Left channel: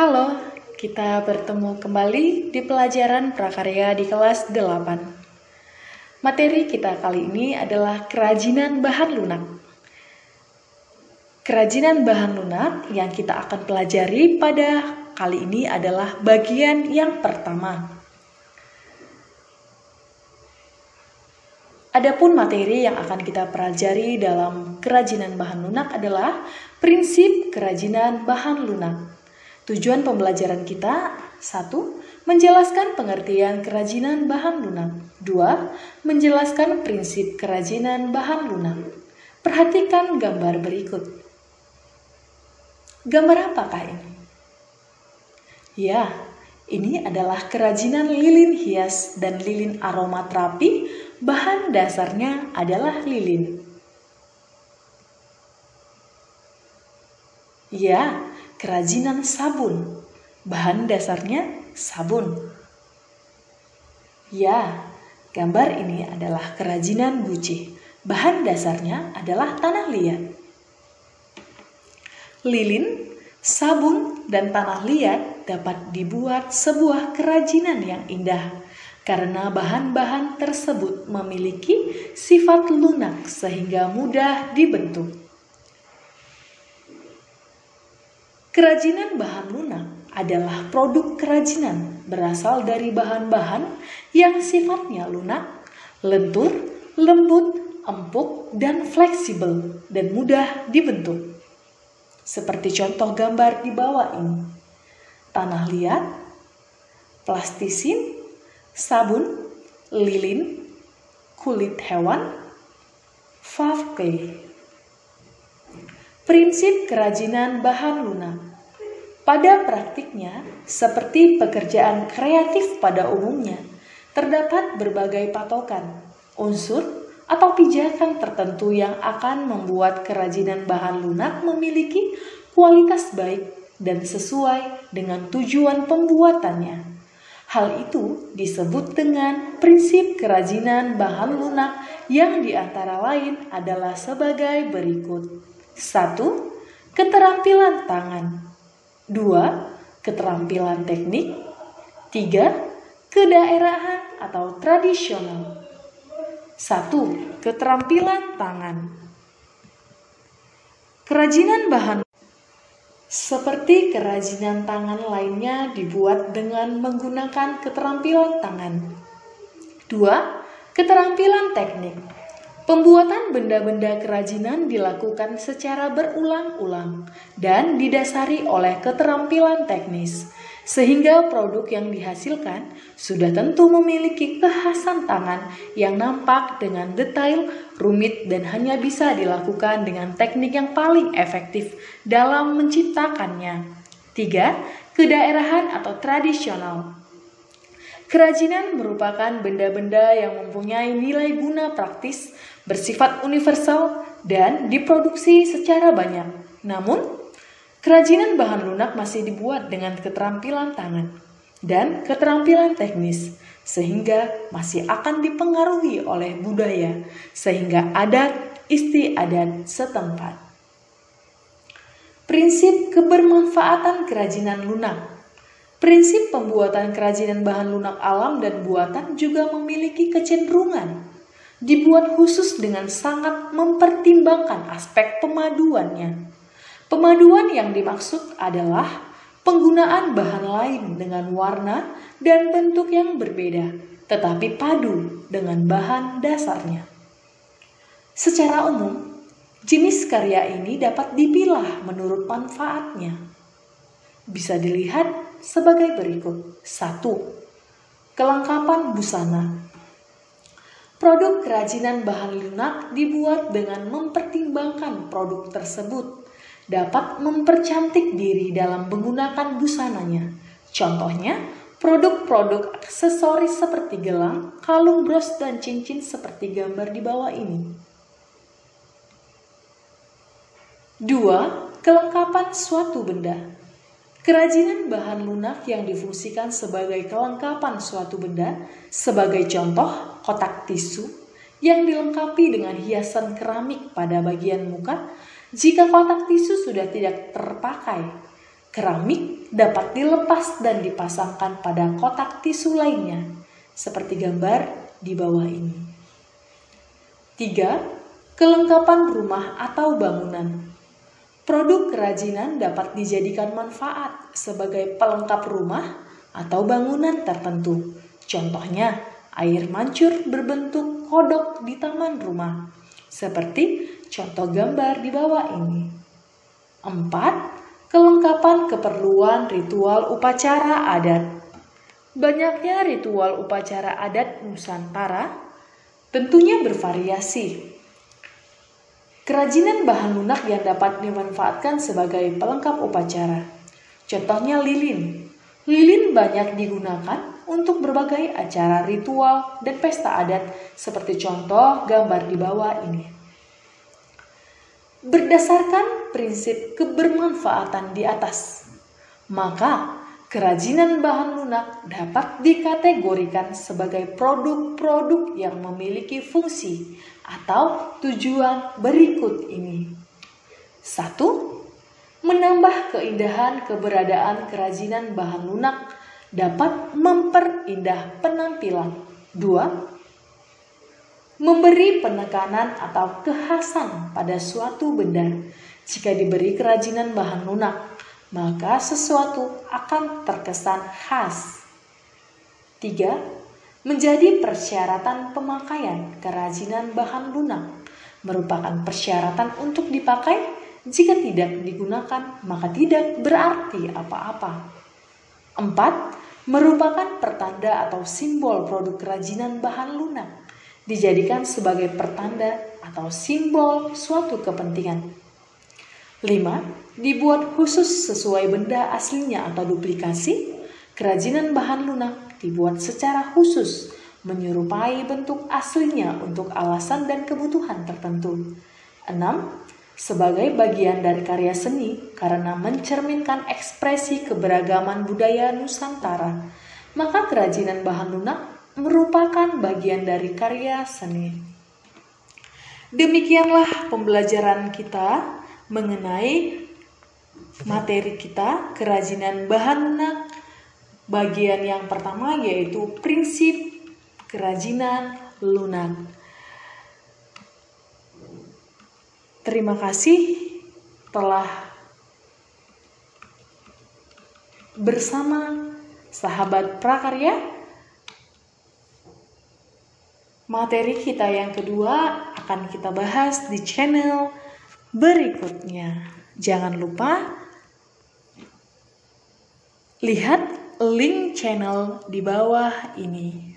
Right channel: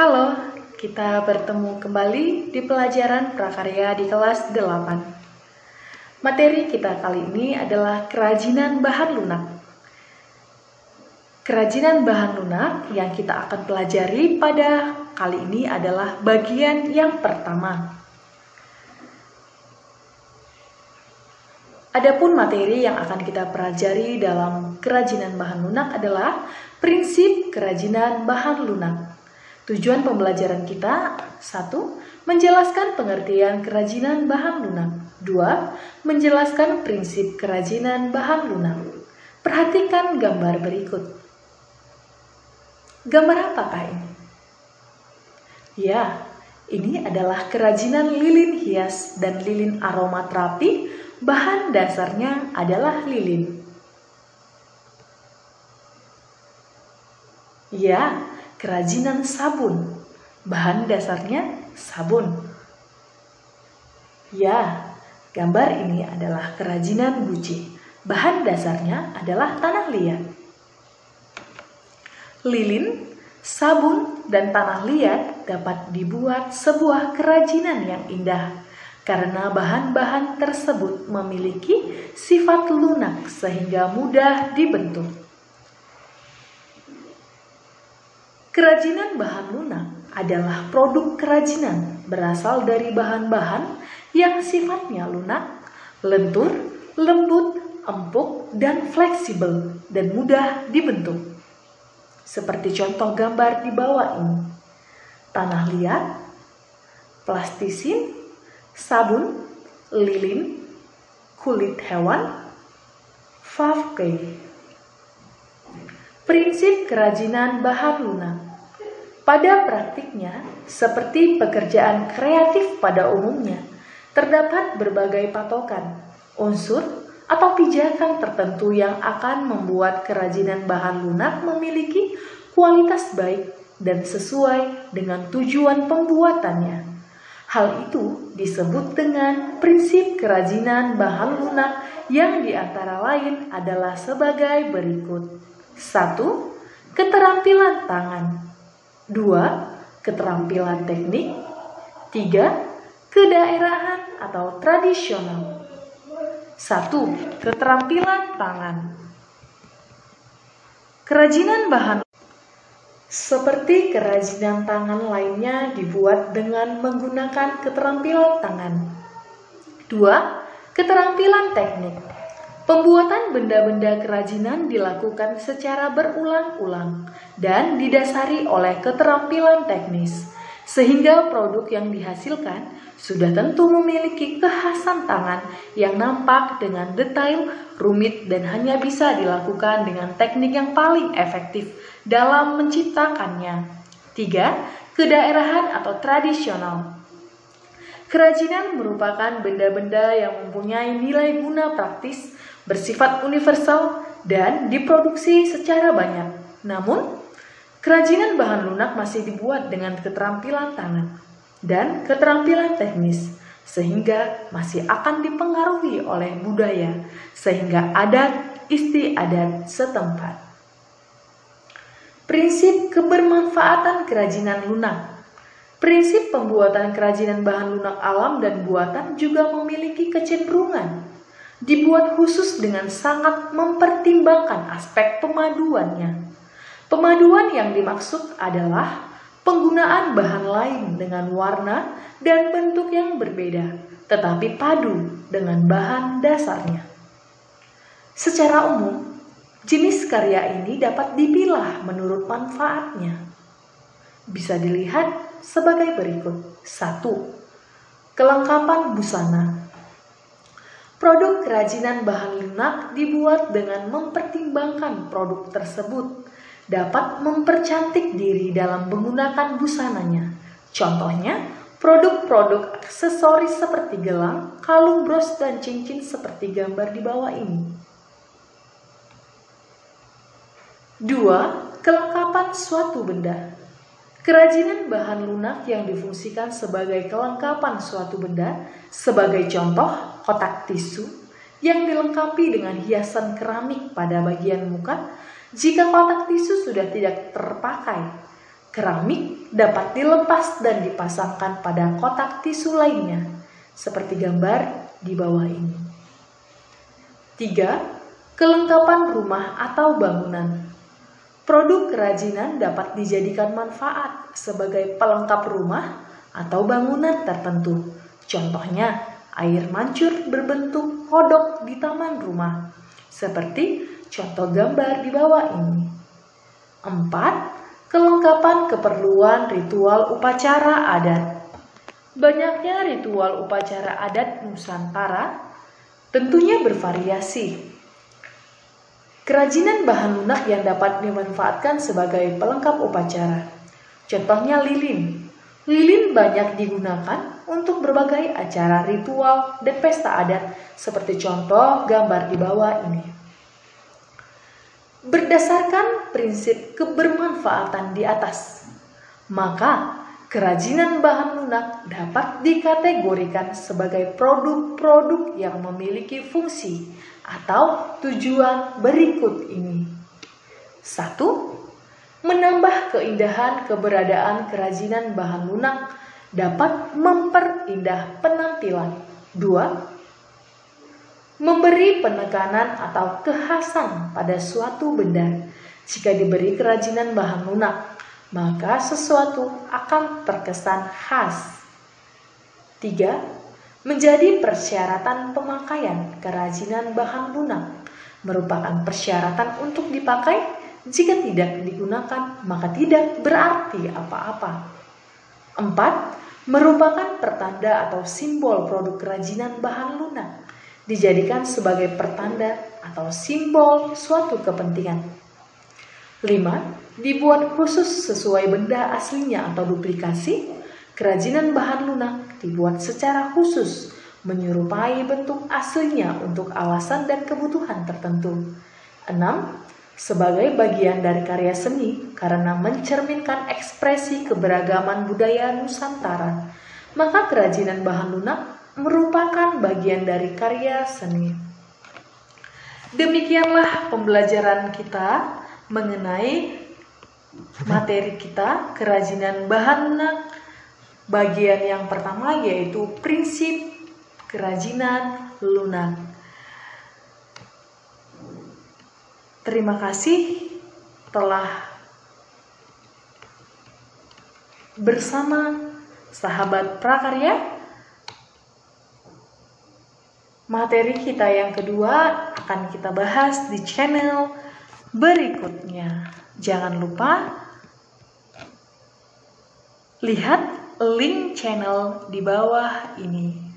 Halo, kita bertemu kembali di pelajaran prakarya di kelas 8. Materi kita kali ini adalah kerajinan bahan lunak. Kerajinan bahan lunak yang kita akan pelajari pada kali ini adalah bagian yang pertama. Adapun materi yang akan kita pelajari dalam kerajinan bahan lunak adalah prinsip kerajinan bahan lunak. Tujuan pembelajaran kita: 1. Menjelaskan pengertian kerajinan bahan lunak. 2. Menjelaskan prinsip kerajinan bahan lunak. Perhatikan gambar berikut. Gambar apakah ini? Ya, ini adalah kerajinan lilin hias dan lilin aromaterapi. Bahan dasarnya adalah lilin. Ya, kerajinan sabun. Bahan dasarnya sabun. Ya, gambar ini adalah kerajinan guci. Bahan dasarnya adalah tanah liat. Lilin, sabun, dan tanah liat dapat dibuat sebuah kerajinan yang indah karena bahan-bahan tersebut memiliki sifat lunak sehingga mudah dibentuk. Kerajinan bahan lunak adalah produk kerajinan berasal dari bahan-bahan yang sifatnya lunak, lentur, lembut, empuk, dan fleksibel dan mudah dibentuk. Seperti contoh gambar di bawah ini: tanah liat, plastisin, sabun, lilin, kulit hewan, fafke. Prinsip kerajinan bahan lunak. Pada praktiknya, seperti pekerjaan kreatif pada umumnya, terdapat berbagai patokan, unsur, atau pijakan tertentu yang akan membuat kerajinan bahan lunak memiliki kualitas baik dan sesuai dengan tujuan pembuatannya. Hal itu disebut dengan prinsip kerajinan bahan lunak yang diantara lain adalah sebagai berikut. 1. Keterampilan tangan. 2. Keterampilan teknik. 3. Kedaerahan atau tradisional. 1. Keterampilan tangan. Kerajinan bahan seperti kerajinan tangan lainnya dibuat dengan menggunakan keterampilan tangan. 2. Keterampilan teknik. Pembuatan benda-benda kerajinan dilakukan secara berulang-ulang dan didasari oleh keterampilan teknis, sehingga produk yang dihasilkan sudah tentu memiliki kekhasan tangan yang nampak dengan detail, rumit, dan hanya bisa dilakukan dengan teknik yang paling efektif dalam menciptakannya. 3. Kedaerahan atau tradisional. Kerajinan merupakan benda-benda yang mempunyai nilai guna praktis, bersifat universal, dan diproduksi secara banyak. Namun, kerajinan bahan lunak masih dibuat dengan keterampilan tangan dan keterampilan teknis, sehingga masih akan dipengaruhi oleh budaya, sehingga adat istiadat setempat. Prinsip kebermanfaatan kerajinan lunak. Prinsip pembuatan kerajinan bahan lunak alam dan buatan juga memiliki kecenderungan dibuat khusus dengan sangat mempertimbangkan aspek pemaduannya. Pemaduan yang dimaksud adalah penggunaan bahan lain dengan warna dan bentuk yang berbeda, tetapi padu dengan bahan dasarnya. Secara umum, jenis karya ini dapat dipilah menurut manfaatnya. Bisa dilihat sebagai berikut. 1. Kelengkapan busana. Produk kerajinan bahan lunak dibuat dengan mempertimbangkan produk tersebut dapat mempercantik diri dalam menggunakan busananya. Contohnya, produk-produk aksesoris seperti gelang, kalung, bros, dan cincin seperti gambar di bawah ini. 2. Kelengkapan suatu benda. Kerajinan bahan lunak yang difungsikan sebagai kelengkapan suatu benda, sebagai contoh kotak tisu yang dilengkapi dengan hiasan keramik pada bagian muka. Jika kotak tisu sudah tidak terpakai, keramik dapat dilepas dan dipasangkan pada kotak tisu lainnya, seperti gambar di bawah ini. 3. Kelengkapan rumah atau bangunan. Produk kerajinan dapat dijadikan manfaat sebagai pelengkap rumah atau bangunan tertentu. Contohnya, air mancur berbentuk kodok di taman rumah, seperti contoh gambar di bawah ini. 4. Kelengkapan keperluan ritual upacara adat. Banyaknya ritual upacara adat Nusantara tentunya bervariasi. Kerajinan bahan lunak yang dapat dimanfaatkan sebagai pelengkap upacara. Contohnya lilin. Lilin banyak digunakan untuk berbagai acara ritual dan pesta adat seperti contoh gambar di bawah ini. Berdasarkan prinsip kebermanfaatan di atas, maka kerajinan bahan lunak dapat dikategorikan sebagai produk-produk yang memiliki fungsi atau tujuan berikut ini. 1. Menambah keindahan. Keberadaan kerajinan bahan lunak dapat memperindah penampilan. 2. Memberi penekanan atau kekhasan pada suatu benda. Jika diberi kerajinan bahan lunak, maka sesuatu akan terkesan khas. 3. Menjadi persyaratan pemakaian. Kerajinan bahan lunak merupakan persyaratan untuk dipakai. Jika tidak digunakan, maka tidak berarti apa-apa. 4. Merupakan pertanda atau simbol produk kerajinan bahan lunak. Dijadikan sebagai pertanda atau simbol suatu kepentingan. 5. Dibuat khusus sesuai benda aslinya atau duplikasi. Kerajinan bahan lunak dibuat secara khusus, menyerupai bentuk aslinya untuk alasan dan kebutuhan tertentu. 6. Sebagai bagian dari karya seni karena mencerminkan ekspresi keberagaman budaya Nusantara, maka kerajinan bahan lunak merupakan bagian dari karya seni. Demikianlah pembelajaran kita mengenai materi kita, kerajinan bahan lunak. Bagian yang pertama yaitu prinsip kerajinan lunak. Terima kasih telah bersama sahabat prakarya. Materi kita yang kedua akan kita bahas di channel berikutnya. Jangan lupa lihat link channel di bawah ini.